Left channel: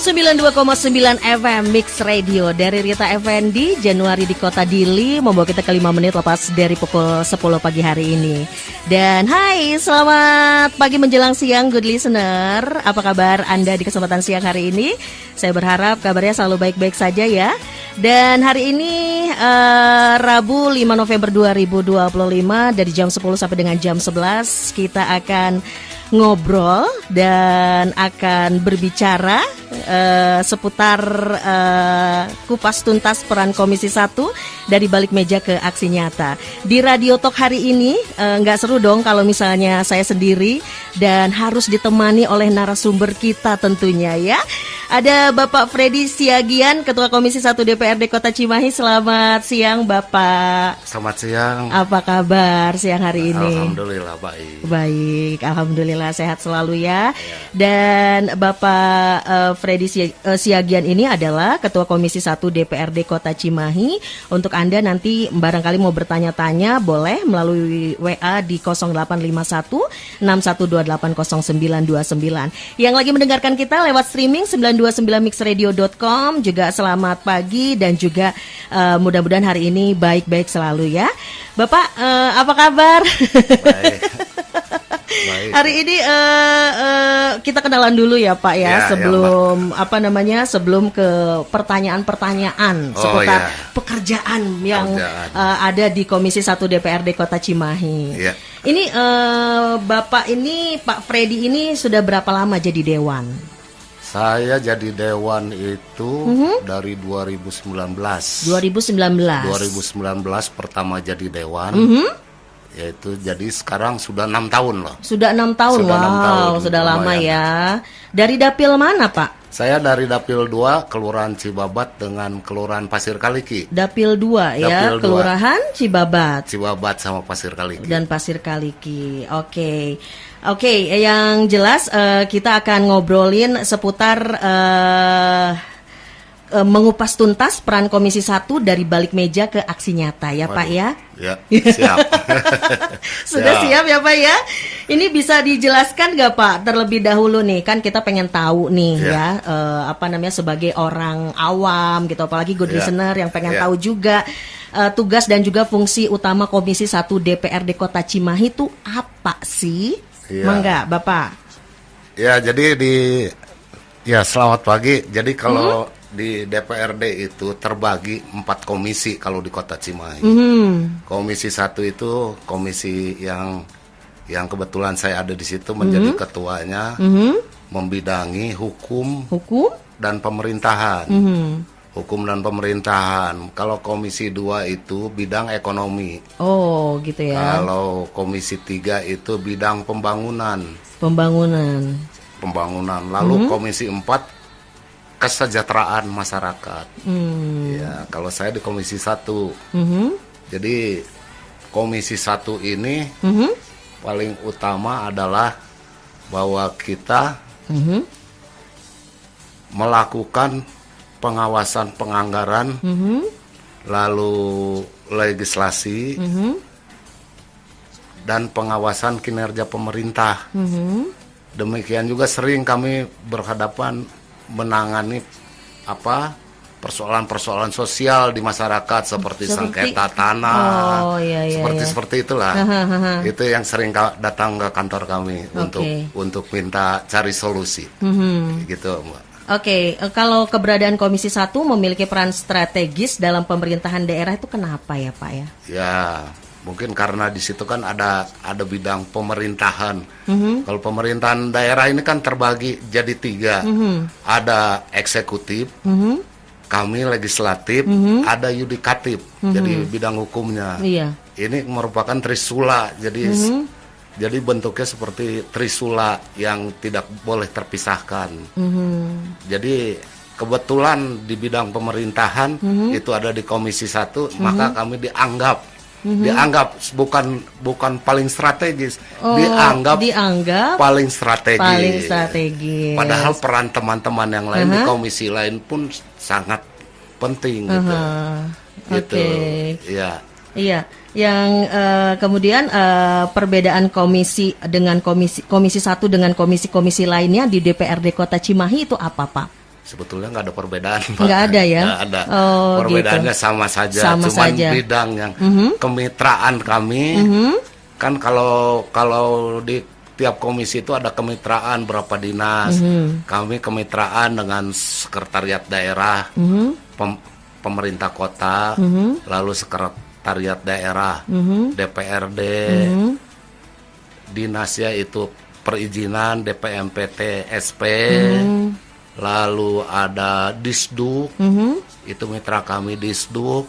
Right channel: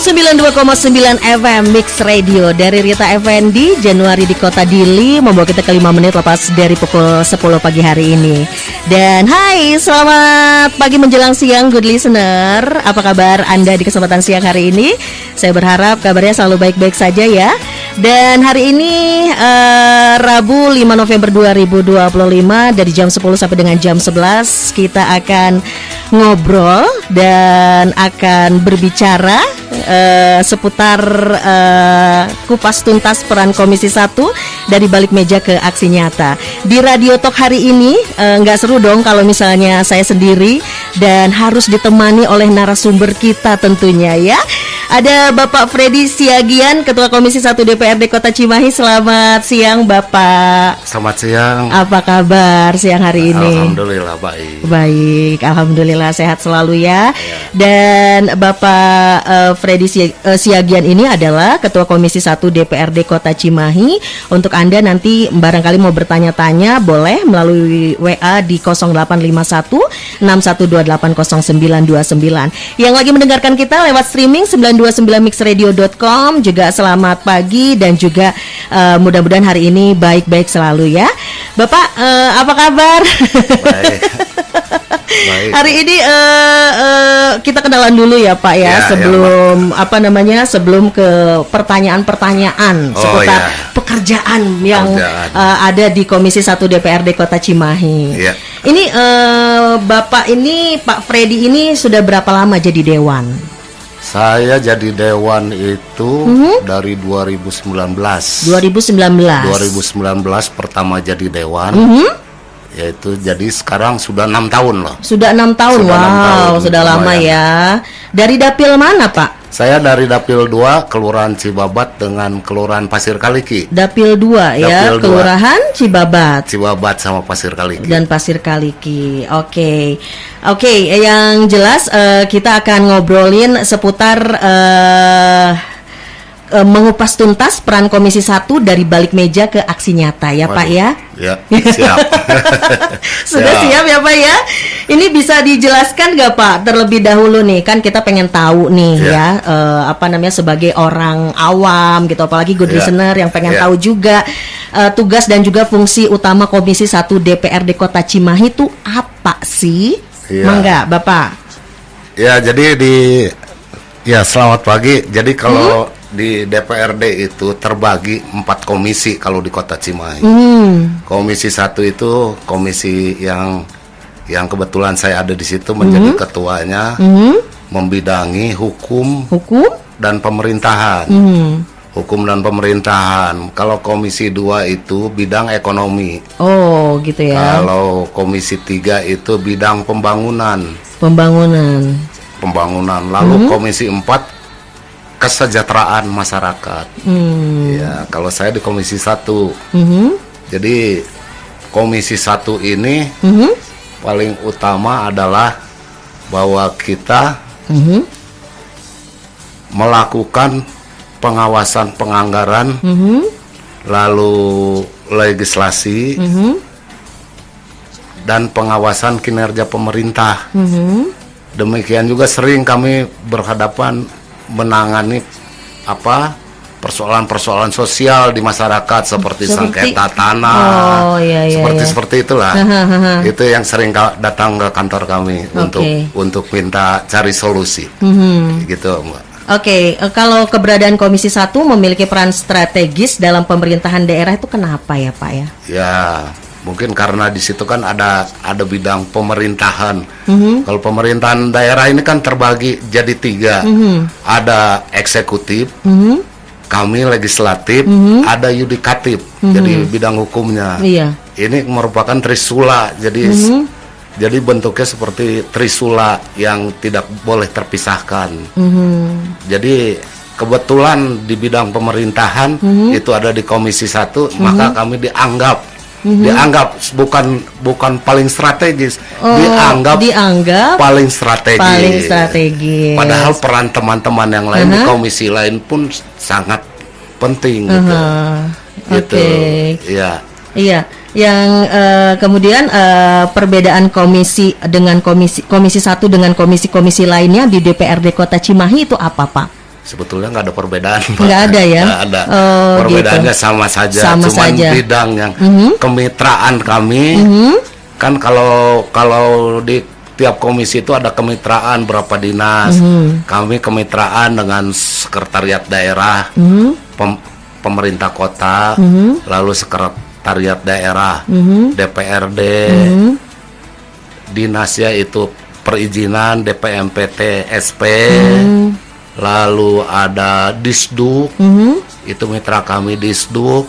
92,9 FM Mix Radio dari Rita Effendi, Januari di Kota Dili, membawa kita ke 5 menit lepas dari pukul 10 pagi hari ini. Dan hai, selamat pagi menjelang siang good listener. Apa kabar Anda di kesempatan siang hari ini? Saya berharap kabarnya selalu baik-baik saja ya. Dan hari ini Rabu 5 November 2025 dari jam 10 sampai dengan jam 11 kita akan ngobrol dan akan berbicara seputar kupas tuntas peran Komisi 1 dari balik meja ke aksi nyata. Di Radio Talk hari ini nggak seru dong kalau misalnya saya sendiri dan harus ditemani oleh narasumber kita tentunya ya. Ada Bapak Freddy Siagian, Ketua Komisi 1 DPRD Kota Cimahi. Selamat siang Bapak. Selamat siang. Apa kabar siang hari ini? Alhamdulillah baik. Baik, alhamdulillah sehat selalu ya. Dan Bapak Freddy Siagian ini adalah Ketua Komisi 1 DPRD Kota Cimahi. Untuk Anda nanti barangkali mau bertanya-tanya boleh melalui WA di 0851 6128 0929. Yang lagi mendengarkan kita lewat streaming 929mixradio.com juga selamat pagi dan juga mudah-mudahan hari ini baik-baik selalu ya. Bapak apa kabar? Baik. Baik. Hari ini kita kenalan dulu ya Pak ya, sebelum sebelum ke pertanyaan-pertanyaan seputar pekerjaan yang ada di Komisi 1 DPRD Kota Cimahi. Ya. Ini Bapak ini Pak Freddy ini sudah berapa lama jadi dewan? Saya jadi dewan itu dari 2019. 2019 pertama jadi dewan. Yaitu jadi sekarang sudah 6 tahun loh. Sudah 6 tahun, sudah lama ya. Dari dapil mana Pak? Saya dari dapil 2 Kelurahan Cibabat dengan Kelurahan Pasir Kaliki. Dapil 2 ya, dapil Kelurahan 2. Cibabat sama Pasir Kaliki. Dan Pasir Kaliki. Oke, yang jelas kita akan ngobrolin seputar mengupas tuntas peran Komisi 1 dari balik meja ke aksi nyata ya Pak ya. Ya, siap. Sudah siap ya Pak ya. Ini bisa dijelaskan nggak Pak terlebih dahulu nih, kan kita pengen tahu nih sebagai orang awam gitu, apalagi good listener yang pengen tahu juga tugas dan juga fungsi utama Komisi 1 DPRD Kota Cimahi itu apa sih? Mangga Bapak. Ya, jadi selamat pagi. Jadi kalau di DPRD itu terbagi 4 komisi kalau di Kota Cimahi. Komisi 1 itu komisi yang kebetulan saya ada di situ menjadi ketuanya, membidangi hukum dan pemerintahan. Hukum dan pemerintahan. Kalau komisi 2 itu bidang ekonomi. Oh, gitu ya. Kalau komisi 3 itu bidang pembangunan. Lalu komisi 4 kesejahteraan masyarakat. Ya, kalau saya di komisi 1. Jadi komisi 1 ini paling utama adalah bahwa kita melakukan pengawasan penganggaran, lalu legislasi, dan pengawasan kinerja pemerintah. Demikian juga sering kami berhadapan menangani persoalan-persoalan sosial di masyarakat seperti sengketa tanah, seperti itulah. Itu yang sering datang ke kantor kami untuk minta cari solusi, gitu Mbak. Kalau keberadaan Komisi 1 memiliki peran strategis dalam pemerintahan daerah itu kenapa ya Pak ya? Ya, mungkin karena di situ kan ada bidang pemerintahan. Kalau pemerintahan daerah ini kan terbagi jadi 3. Ada eksekutif, kami legislatif, ada yudikatif. Jadi bidang hukumnya. Ini merupakan trisula. Jadi bentuknya seperti trisula yang tidak boleh terpisahkan. Jadi kebetulan di bidang pemerintahan itu ada di Komisi 1, maka kami dianggap bukan paling strategis, dianggap paling strategis. Padahal peran teman-teman yang lain di komisi lain pun sangat penting gitu. Iya, yang kemudian perbedaan komisi dengan komisi 1 dengan komisi-komisi lainnya di DPRD Kota Cimahi itu apa, Pak? Sebetulnya nggak ada perbedaan. Nggak ada ya? Nggak ada. Oh, Perbedaannya gitu. sama saja. Sama Cuman saja. bidang yang kemitraan kami kan kalau di tiap komisi itu ada kemitraan berapa dinas. Kami kemitraan dengan sekretariat daerah, pemerintah kota, lalu sekretariat daerah, DPRD, dinasnya itu perizinan, DPMPT, SP, lalu ada Disduk, itu mitra kami Disduk,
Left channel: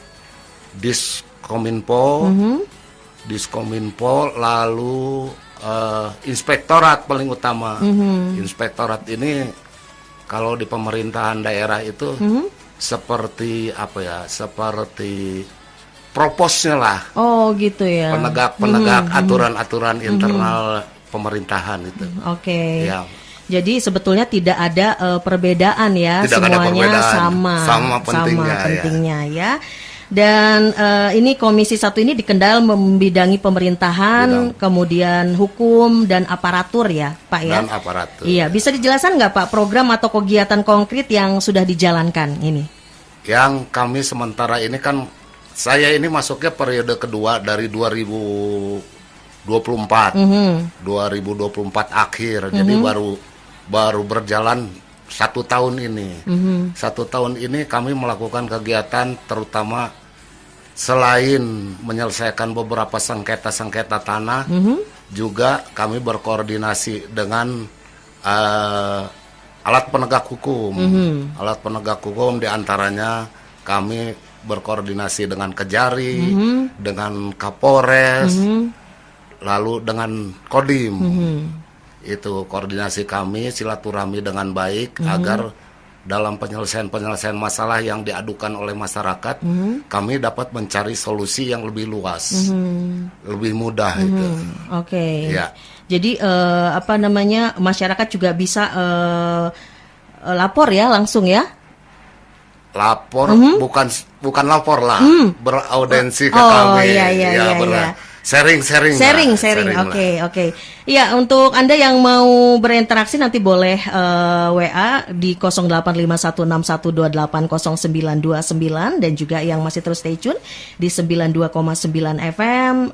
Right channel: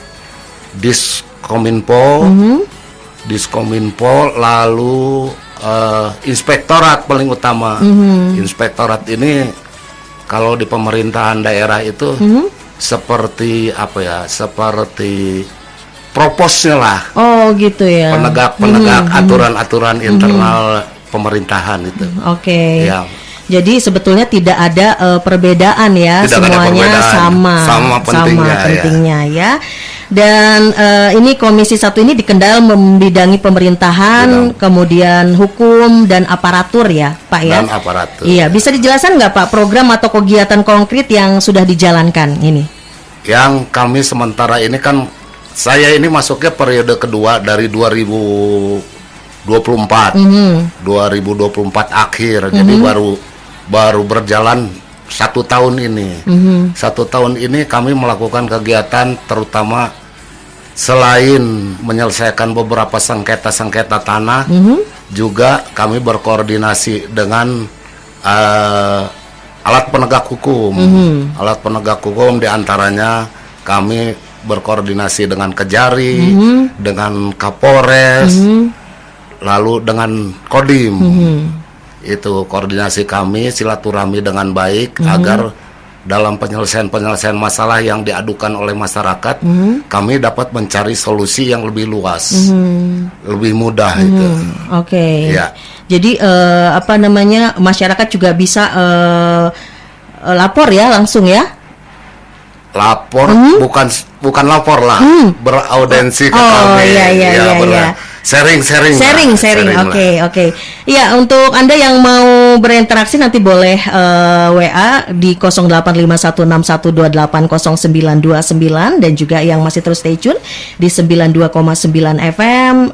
Diskominfo, lalu inspektorat paling utama. Inspektorat ini kalau di pemerintahan daerah itu seperti apa ya? Seperti proposnya lah. Oh gitu ya. Penegak aturan-aturan internal pemerintahan itu. Oke. Ya. Jadi sebetulnya tidak ada perbedaan ya, Tidak ada semuanya perbedaan. Sama pentingnya ya. Dan ini Komisi 1 ini dikendal membidangi pemerintahan, kemudian hukum dan aparatur ya, Pak ya. Dan aparatur. Iya, bisa dijelaskan nggak Pak program atau kegiatan konkret yang sudah dijalankan ini? Yang kami sementara ini kan saya ini masuknya periode kedua dari 2024. 2024 akhir. Jadi baru berjalan 1 tahun ini. 1 tahun ini kami melakukan kegiatan terutama selain menyelesaikan beberapa sengketa-sengketa tanah, juga kami berkoordinasi dengan alat penegak hukum. Alat penegak hukum diantaranya kami berkoordinasi dengan Kejari, dengan Kapolres, lalu dengan Kodim. Itu koordinasi kami, silaturahmi dengan baik agar dalam penyelesaian masalah yang diadukan oleh masyarakat, kami dapat mencari solusi yang lebih luas, lebih mudah itu. Oke. Ya. Jadi apa namanya, masyarakat juga bisa lapor ya langsung ya? Lapor bukan lapor lah, beraudensi. Iya. Sharing. Oke. Ya, untuk Anda yang mau berinteraksi nanti boleh WA di 085161280929 dan juga yang masih terus stay tune di 92,9 FM.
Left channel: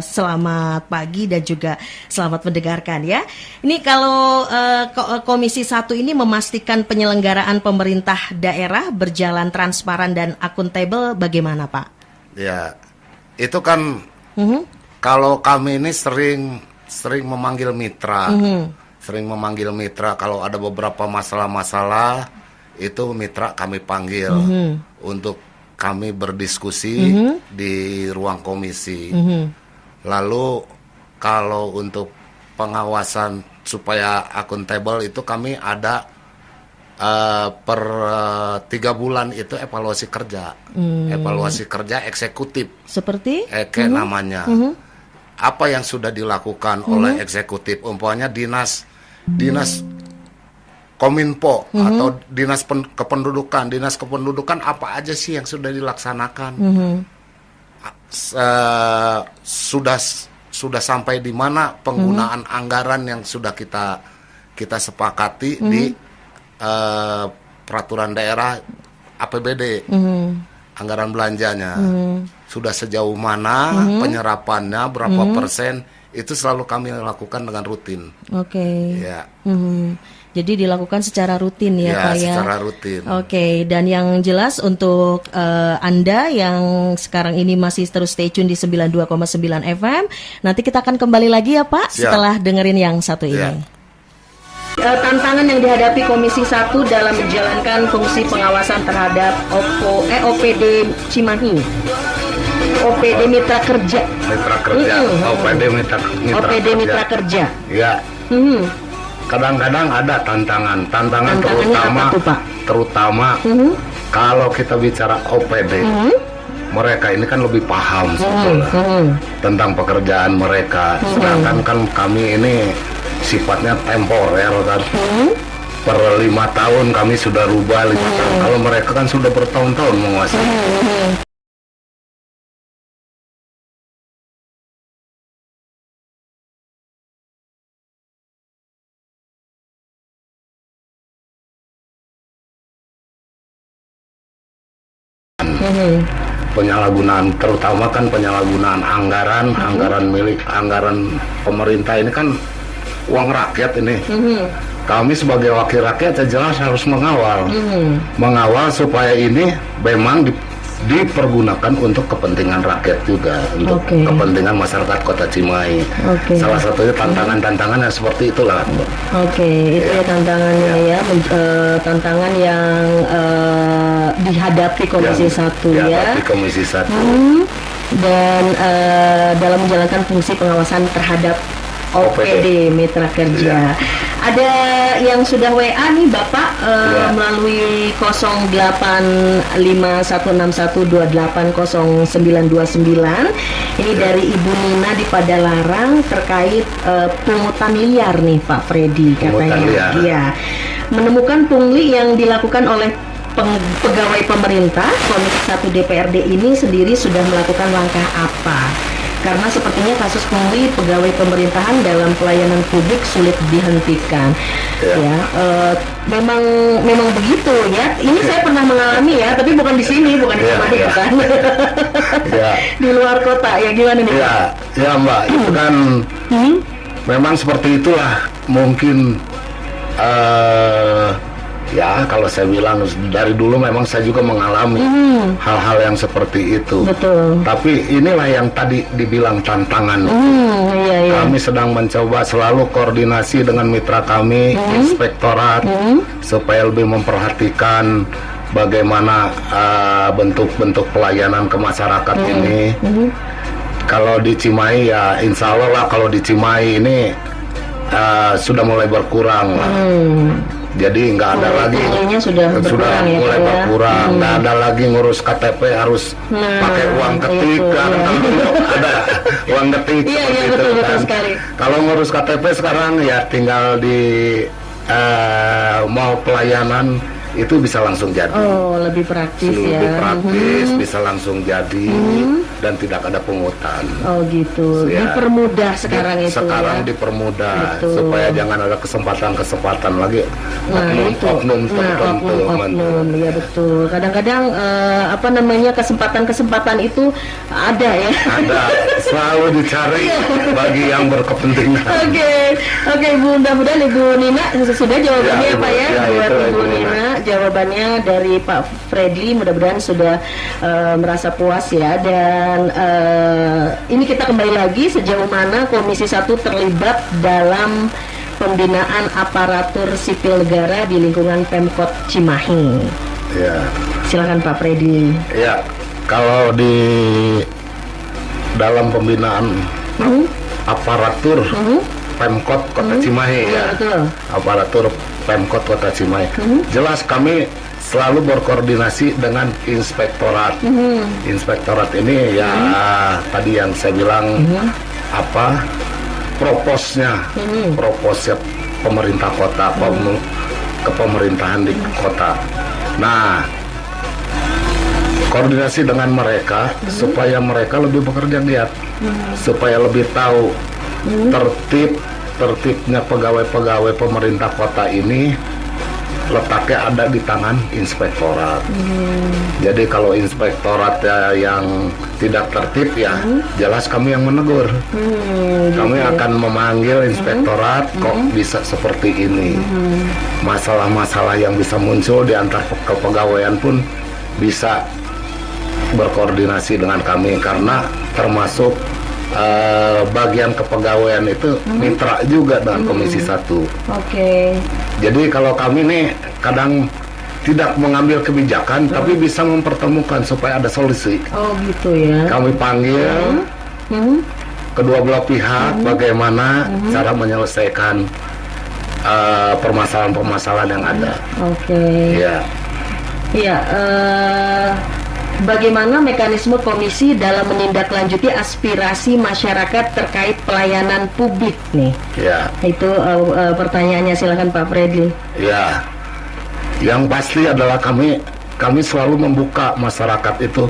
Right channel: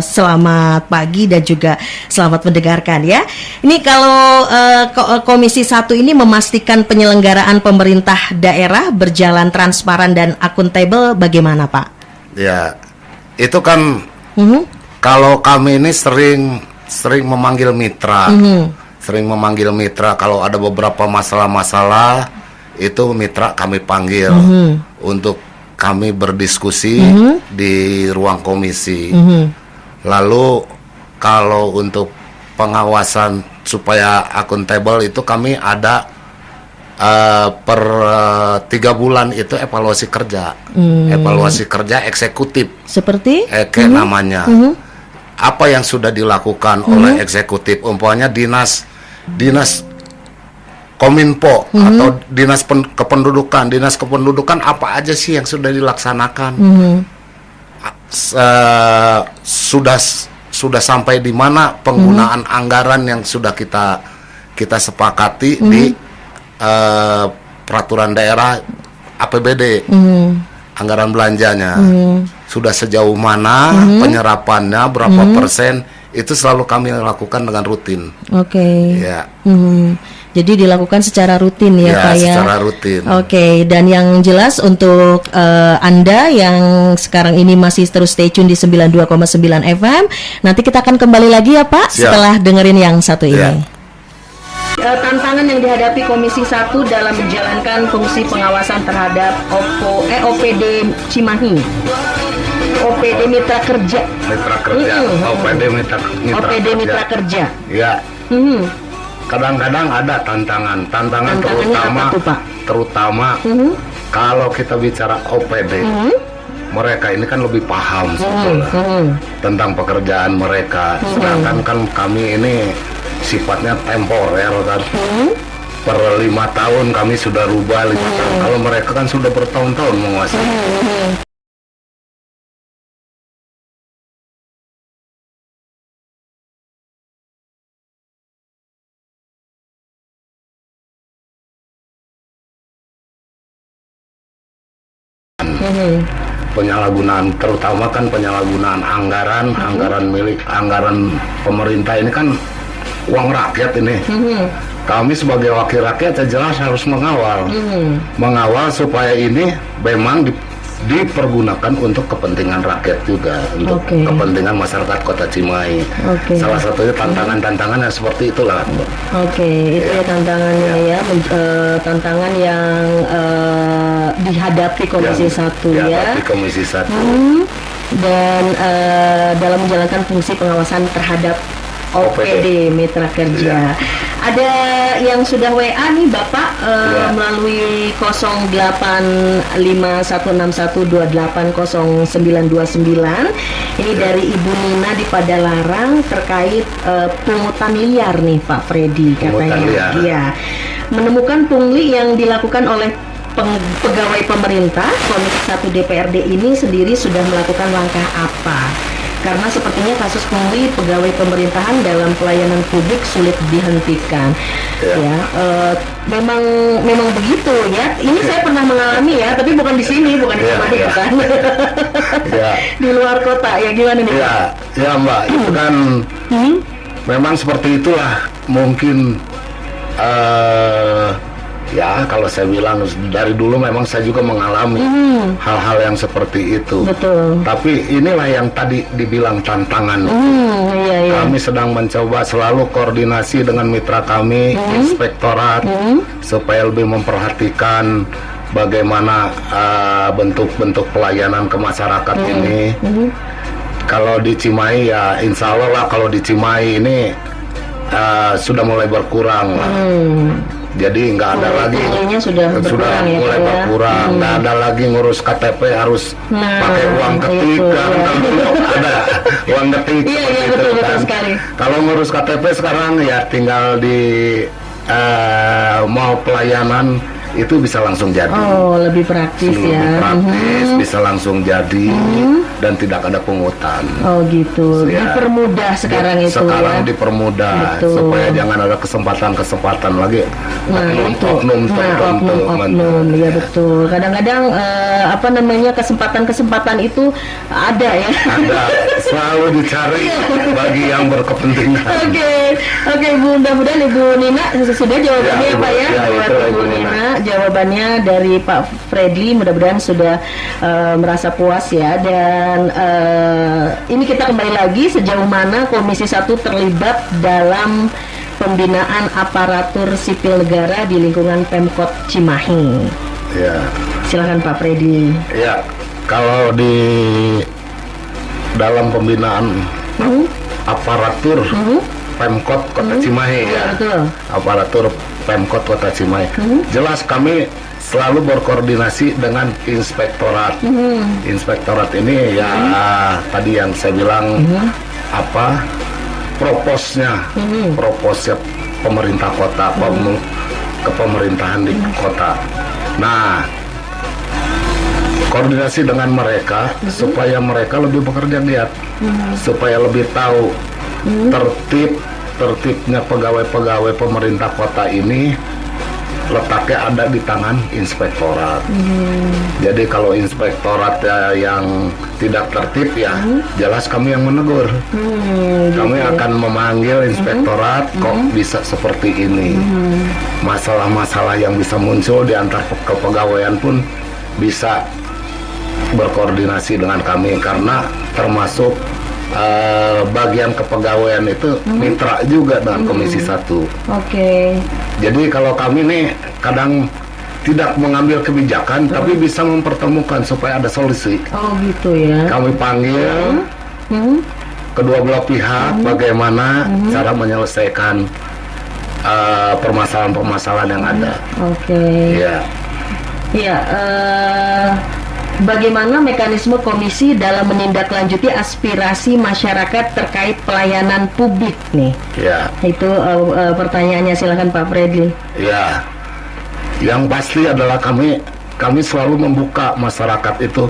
Selamat pagi dan juga selamat mendengarkan ya. Ini kalau Komisi 1 ini memastikan penyelenggaraan pemerintah daerah berjalan transparan dan akuntabel, bagaimana Pak? Ya, itu kan kalau kami ini sering memanggil mitra, kalau ada beberapa masalah-masalah itu mitra kami panggil untuk kami berdiskusi di ruang komisi. Lalu kalau untuk pengawasan supaya akuntabel itu kami ada per 3 bulan itu evaluasi kerja, eksekutif. Seperti? Namanya. Apa yang sudah dilakukan oleh eksekutif, umpamanya dinas Kominfo atau dinas kependudukan apa aja sih yang sudah dilaksanakan, sudah sampai di mana penggunaan anggaran yang sudah kita sepakati di peraturan daerah APBD, anggaran belanjanya sudah sejauh mana, penyerapannya berapa persen, itu selalu kami lakukan dengan rutin. Oke. Ya. Jadi dilakukan secara rutin ya Pak ya. Secara rutin. Oke, dan yang jelas untuk Anda yang sekarang ini masih terus stay tune di 92,9 FM, nanti kita akan kembali lagi ya Pak. Siap. Setelah dengerin yang satu ini. Ya. Tantangan yang dihadapi Komisi 1 dalam menjalankan fungsi pengawasan terhadap OPD Cimahi, OPD Mitra Kerja, OPD Mitra Kerja. Ya. Kadang-kadang ada tantangan terutama kalau kita bicara OPD, mereka ini kan lebih paham sebetulnya tentang pekerjaan mereka, sedangkan kan kami ini sifatnya temporer kan. Per 5 tahun kami sudah rubah 5 tahun. Kalau mereka kan sudah bertahun-tahun menguasai. Penyalahgunaan, terutama kan penyalahgunaan anggaran pemerintah ini kan uang rakyat ini. Kami sebagai wakil rakyat jelas harus mengawal supaya ini memang dipergunakan untuk kepentingan rakyat juga, untuk kepentingan masyarakat Kota Cimahi. Salah satunya tantangan-tantangan yang seperti itulah. Itu ya tantangannya tantangan yang dihadapi Komisi 1 ya. Dihadapi Komisi 1. Dan dalam menjalankan fungsi pengawasan terhadap OPD Mitra Kerja. Ada yang sudah WA nih Bapak melalui 085161280929. Ini dari Ibu Nina di Padalarang terkait pungutan liar nih Pak Freddy katanya. Iya. Menemukan pungli yang dilakukan oleh pegawai pemerintah, Komisi 1 DPRD ini sendiri sudah melakukan langkah apa? Karena sepertinya kasus pungli pegawai pemerintahan dalam pelayanan publik sulit dihentikan. Memang begitu ya. Ini saya pernah mengalami ya, tapi bukan di sini, bukan di Cimahi kan. Di luar kota ya, gimana nih? Ya Mbak, itu kan memang seperti itulah. Mungkin ya kalau saya bilang dari dulu memang saya juga mengalami hal-hal yang seperti itu. Betul. Tapi inilah yang tadi dibilang tantangan. Kami sedang mencoba selalu koordinasi dengan mitra kami, inspektorat, supaya lebih memperhatikan bagaimana bentuk-bentuk pelayanan ke masyarakat ini. Kalau di Cimahi ya insya Allah lah, kalau di Cimahi ini sudah mulai berkurang lah. Jadi nggak ada lagi, sudah mulai berkurang, nggak ada lagi ngurus KTP harus pakai uang ketik kan, ada uang ketik seperti itu kan. Kalau ngurus KTP sekarang ya tinggal di mau pelayanan itu bisa langsung jadi. Lebih praktis ya. Lebih praktis, bisa langsung jadi dan tidak ada pungutan. Gitu. Dipermudah sekarang itu. Sekarang dipermudah supaya jangan ada kesempatan lagi. Oknum tertentu. Ya betul. Kadang-kadang kesempatan itu ada ya. Ada, selalu dicari bagi yang berkepentingan. Oke, mudah-mudahan Ibu Nina sudah jawabannya ya Pak ya. Buat Ibu Nina, jawabannya dari Pak Fredly mudah-mudahan sudah merasa puas ya. Dan ini kita kembali lagi, sejauh mana Komisi 1 terlibat dalam pembinaan aparatur sipil negara di lingkungan Pemkot Cimahi. Silakan Pak Fredly. Kalau di dalam pembinaan aparatur Pemkot Kota Cimahi aparatur Pemkot Kota Cimahi, jelas kami selalu berkoordinasi dengan inspektorat. Inspektorat ini ya tadi yang saya bilang proposnya pemerintah kota, kepemerintahan di kota. Nah, koordinasi dengan mereka supaya mereka lebih bekerja giat, supaya lebih tahu tertibnya pegawai-pegawai pemerintah kota ini letaknya ada di tangan inspektorat. Jadi kalau inspektorat yang tidak tertib ya jelas kami yang menegur. Kami akan memanggil inspektorat, kok bisa seperti ini. Masalah-masalah yang bisa muncul di antar kepegawaian pun bisa berkoordinasi dengan kami, karena termasuk bagian kepegawaian itu mitra juga dengan Komisi 1. Jadi kalau kami nih kadang tidak mengambil kebijakan tapi bisa mempertemukan supaya ada solusi. Gitu ya. Kami panggil kedua belah pihak bagaimana cara menyelesaikan permasalahan-permasalahan yang ada. Bagaimana mekanisme komisi dalam menindaklanjuti aspirasi masyarakat terkait pelayanan publik nih? Itu pertanyaannya, silakan Pak Fredly. Yang pasti adalah kami selalu membuka masyarakat itu,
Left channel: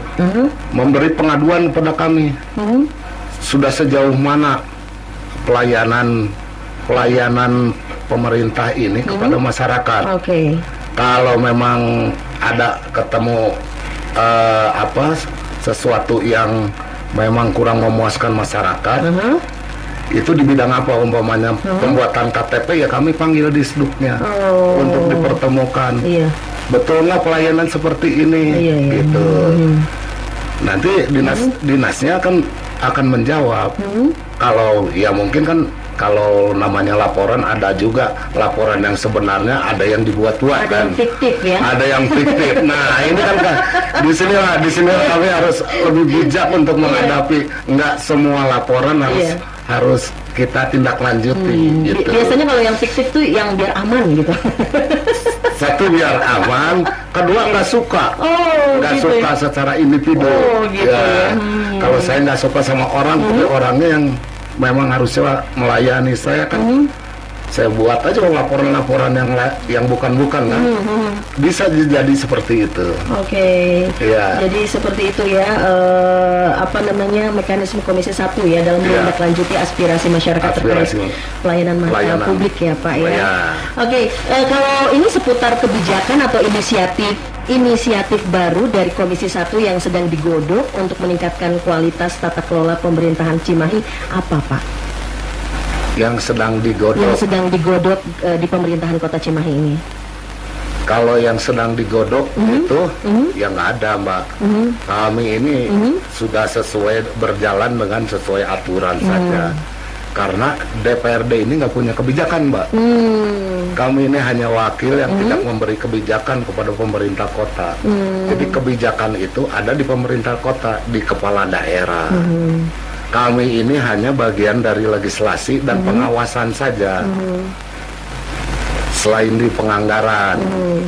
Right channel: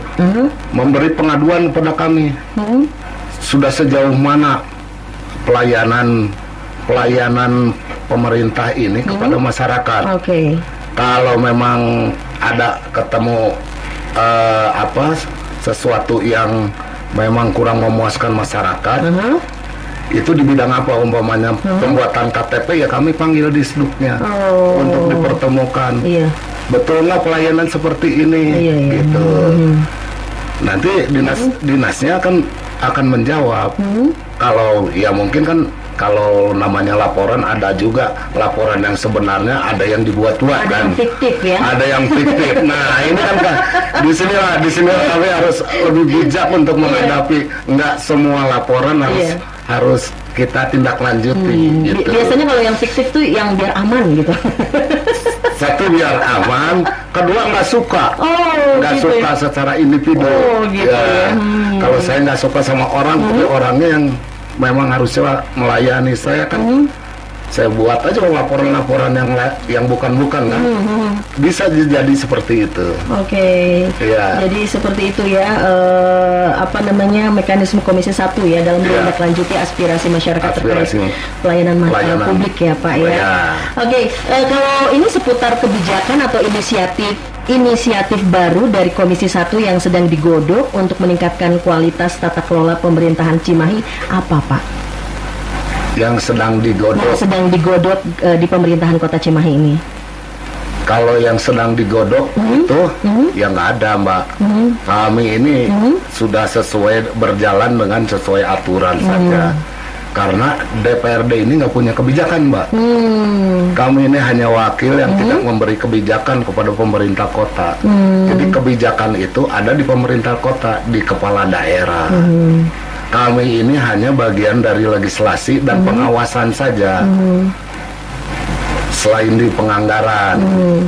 memberi pengaduan kepada kami. Sudah sejauh mana pelayanan pemerintah ini kepada masyarakat. Kalau memang ada ketemu sesuatu yang memang kurang memuaskan masyarakat, itu di bidang apa umpamanya pembuatan KTP, ya kami panggil disduknya untuk dipertemukan. Iya. Betul nggak pelayanan seperti ini, gitu. Nanti dinasnya akan menjawab. Kalau ya mungkin kan kalau namanya laporan, ada juga laporan yang sebenarnya, ada yang dibuat-buat Ada kan. yang fiktif ya. Ada yang fiktif. Nah, ini kan di sini kami harus lebih bijak untuk menghadapi. Nggak semua laporan harus kita tindak lanjuti. Gitu. Biasanya kalau yang fiktif tuh yang biar aman gitu. Satu, biar aman. Kedua, nggak suka. Nggak gitu suka secara individu. Gitu ya. Kalau saya nggak suka sama orang, tapi orangnya yang memang harusnya melayani saya kan. Saya buat aja laporan-laporan yang bukan-bukan kan. Bisa jadi seperti itu. Oke. Iya. Jadi seperti itu ya, mekanisme Komisi 1 ya dalam menindaklanjuti aspirasi masyarakat terkait pelayanan publik ya Pak ya. Oke, kalau ini seputar kebijakan atau inisiatif baru dari Komisi 1 yang sedang digodok untuk meningkatkan kualitas tata kelola pemerintahan Cimahi, apa Pak? Yang sedang digodok. Yang sedang digodok di pemerintahan Kota Cimahi ini. Kalau yang sedang digodok itu ya nggak ada, Mbak. Kami ini sudah berjalan dengan sesuai aturan saja. Karena DPRD ini nggak punya kebijakan, Mbak. Kami ini hanya wakil yang tidak memberi kebijakan kepada pemerintah kota. Jadi kebijakan itu ada di pemerintah kota, di kepala daerah. Kami ini hanya bagian dari legislasi dan pengawasan saja. Selain di penganggaran,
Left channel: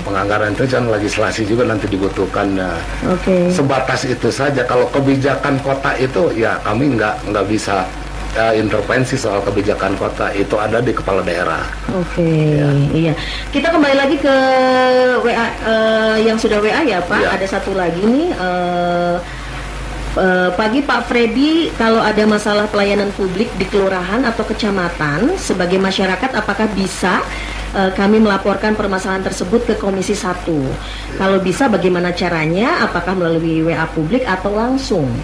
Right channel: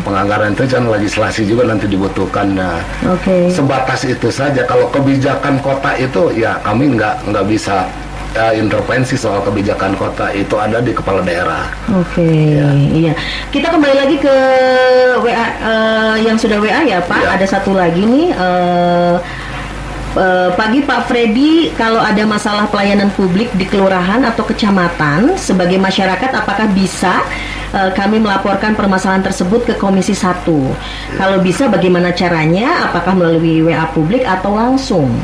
penganggaran itu kan legislasi juga nanti dibutuhkannya. Sebatas itu saja. Kalau kebijakan kota itu ya kami nggak bisa intervensi soal kebijakan kota, itu ada di kepala daerah. Iya. Kita kembali lagi ke WA yang sudah WA ya Pak. Ada satu lagi nih. Pagi Pak Freddy, kalau ada masalah pelayanan publik di kelurahan atau kecamatan, sebagai masyarakat apakah bisa kami melaporkan permasalahan tersebut ke Komisi 1? Kalau bisa, bagaimana caranya? Apakah melalui WA publik atau langsung?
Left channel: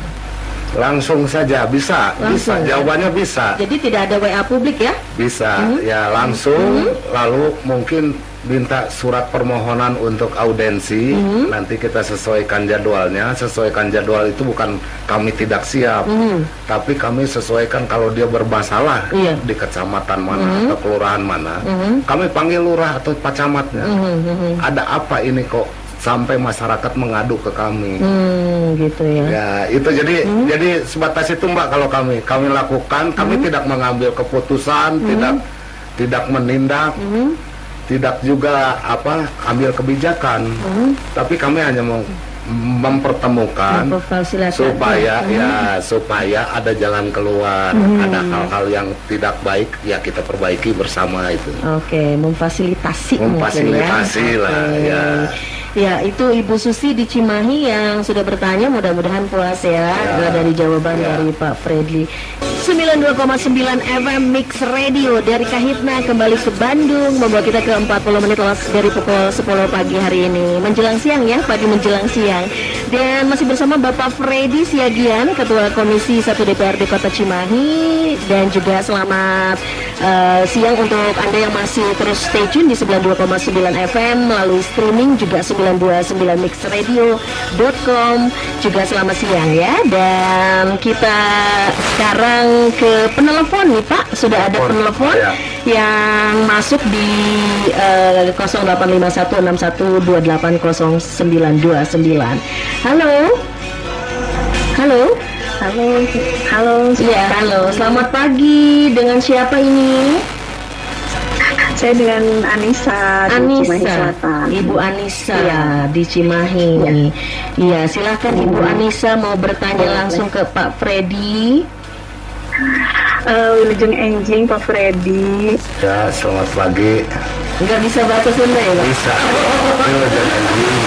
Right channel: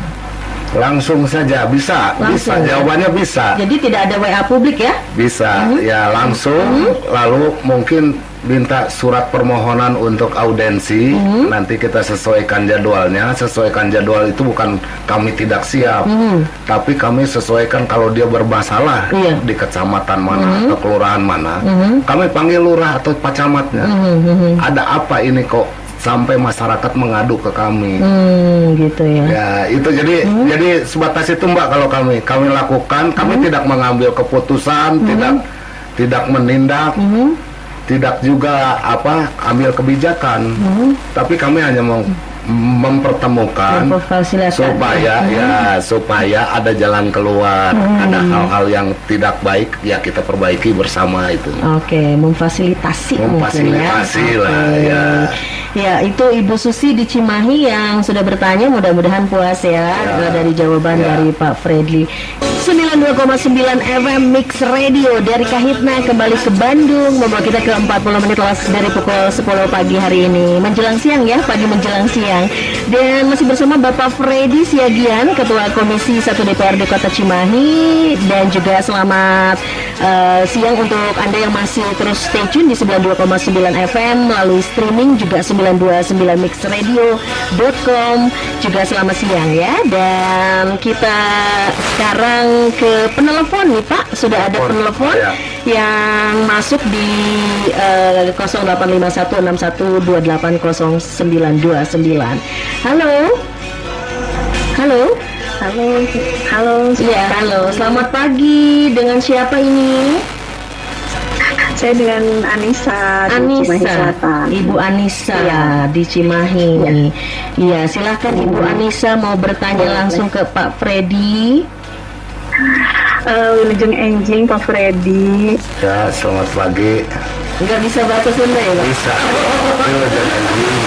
Langsung saja, bisa. Jawabannya bisa. Jadi tidak ada WA publik ya? Bisa, ya langsung. Lalu mungkin minta surat permohonan untuk audensi. Nanti kita sesuaikan jadwalnya. Sesuaikan jadwal itu bukan kami tidak siap, tapi kami sesuaikan kalau dia bermasalah di kecamatan mana atau kelurahan mana. Kami panggil lurah atau pak camatnya. Ada apa ini kok sampai masyarakat mengadu ke kami? Gitu ya. Ya itu jadi sebatas itu Mbak. Kalau kami lakukan, kami tidak mengambil keputusan, tidak menindak, tidak juga ambil kebijakan, tapi kami hanya mempertemukan supaya ada jalan keluar, ada hal-hal yang tidak baik ya kita perbaiki bersama itu. Memfasilitasi lah ya. Ya, itu Ibu Susi di Cimahi yang sudah bertanya, mudah-mudahan puas ya dari jawaban dari Pak Fredly. 92,9 FM Mix Radio dari Kahitna kembali ke Bandung, membawa kita ke 40 menit dari pukul 10 pagi hari ini. Menjelang siang ya, pagi menjelang siang. Dan masih bersama Bapak Freddy Siagian, Ketua Komisi 1 DPRD Kota Cimahi. Dan juga selamat siang untuk Anda yang masih terus stay tune di 92,9 FM melalui streaming juga 929mixradio.com. Juga selamat siang ya. Dan kita sekarang ke penelpon nih Pak. Sudah ada penelpon yang masuk di 085161280929. Halo. Ya, halo. Selamat pagi. Dengan siapa ini? Saya dengan Anissa di Cimahi Selatan. Ibu Anissa di Cimahi. Iya, silakan Ibu Anissa mau bertanya langsung ke Pak Freddy. Wilujeng Enjing Pak Freddy. Ya, selamat pagi. Nggak bisa bahasa Sunda ya Pak? Bisa. Wilujeng Enjing.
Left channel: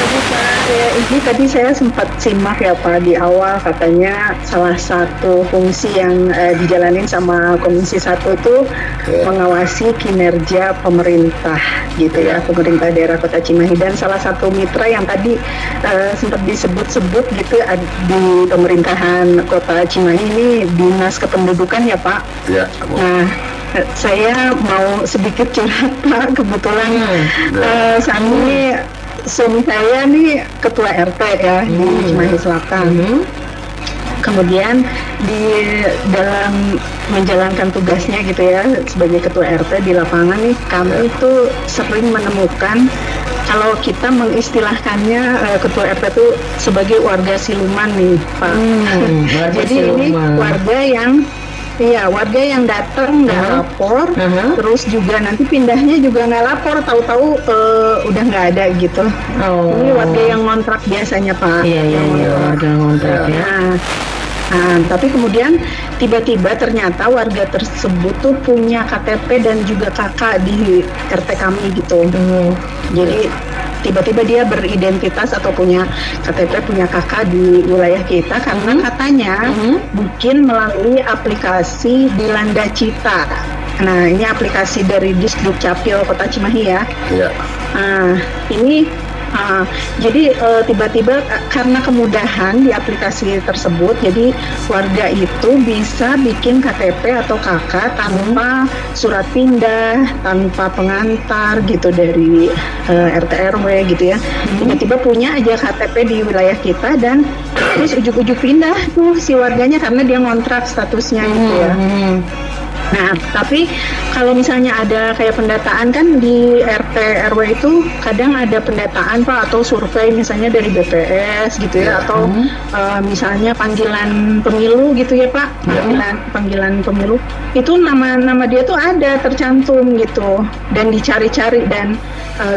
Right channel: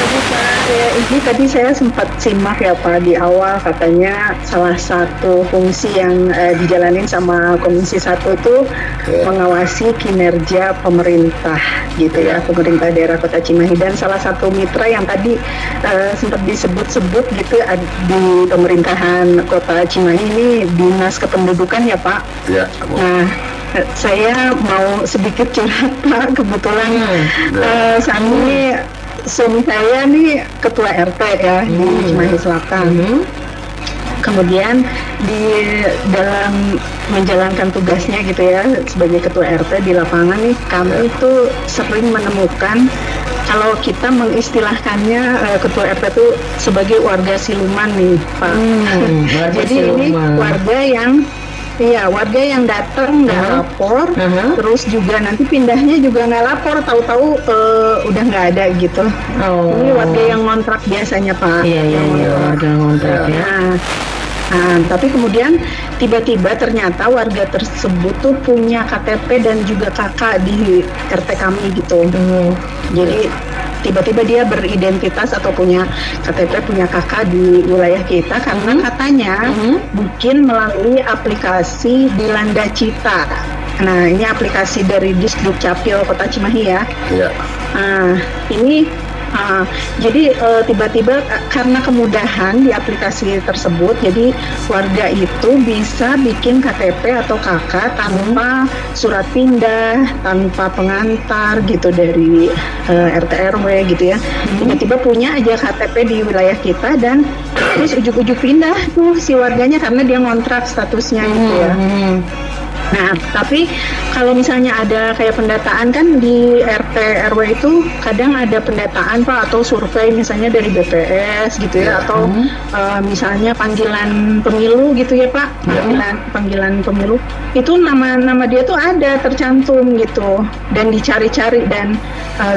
pagi Pak. Ya, ini tadi saya sempat simak ya Pak di awal katanya salah satu fungsi yang dijalanin sama Komisi 1 itu mengawasi kinerja pemerintah gitu ya, pemerintah daerah Kota Cimahi, dan salah satu mitra yang tadi sempat disebut-sebut gitu di pemerintahan Kota Cimahi ini Dinas Kependudukan ya Pak. Ya. Nah, saya mau sedikit curhat Pak, kebetulan saat ini suami saya nih ketua RT ya di Cimahi Selatan. Kemudian di dalam menjalankan tugasnya gitu ya sebagai ketua RT di lapangan nih, kami itu sering menemukan kalau kita mengistilahkannya ketua RT itu sebagai warga siluman nih Pak. Jadi ini warga yang datang nggak lapor, terus juga nanti pindahnya juga nggak lapor, tahu-tahu udah nggak ada gitu. Ini warga yang ngontrak biasanya Pak. Iya, warga ngontrak ya. Nah, tapi kemudian tiba-tiba ternyata warga tersebut tuh punya KTP dan juga kakak di RT kami gitu. Jadi tiba-tiba dia beridentitas atau punya KTP, punya kakak di wilayah kita karena katanya mungkin melalui aplikasi Dilanda Cita. Nah, ini aplikasi dari Disduk Capil Kota Cimahi ya. Nah, ini jadi tiba-tiba karena kemudahan di aplikasi tersebut, jadi warga itu bisa bikin KTP atau KK tanpa surat pindah, tanpa pengantar gitu dari RT RW gitu ya. Tiba-tiba punya aja KTP di wilayah kita dan terus ujuk-ujuk pindah tuh si warganya karena dia ngontrak statusnya gitu ya. Nah, tapi kalau misalnya ada kayak pendataan kan di RT RW itu kadang ada pendataan Pak atau survei misalnya dari BPS gitu ya, atau misalnya panggilan pemilu gitu ya Pak, panggilan pemilu itu nama dia tuh ada tercantum gitu dan dicari-cari, dan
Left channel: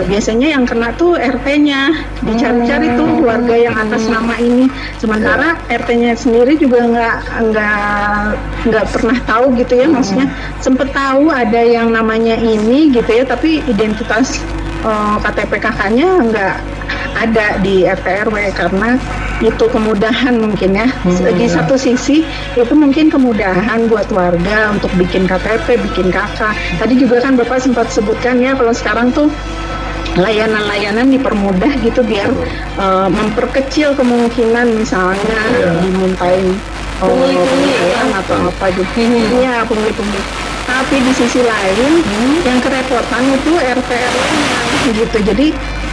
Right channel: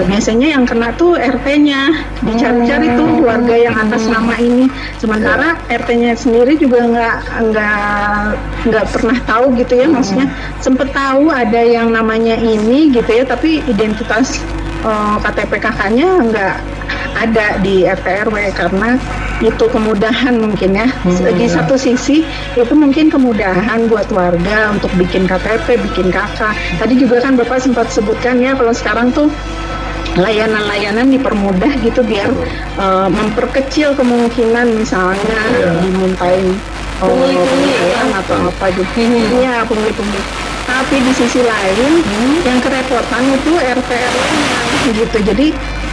biasanya yang kena tuh RT-nya, dicari-cari tuh warga yang atas nama ini, sementara RT-nya sendiri juga nggak pernah tahu gitu ya, maksudnya sempet tahu ada yang namanya ini gitu ya, tapi identitas KTP kakaknya nggak ada di RT RW karena itu kemudahan mungkin ya. Di satu sisi itu mungkin kemudahan buat warga untuk bikin KTP, bikin kakak. Tadi juga kan Bapak sempat sebutkan ya kalau sekarang tuh layanan-layanan dipermudah gitu biar memperkecil kemungkinan misalnya dimintain atau apa gitu. Iya, pungli-pungli. Tapi di sisi lain yang kerepotan itu RT RW-nya gitu. Jadi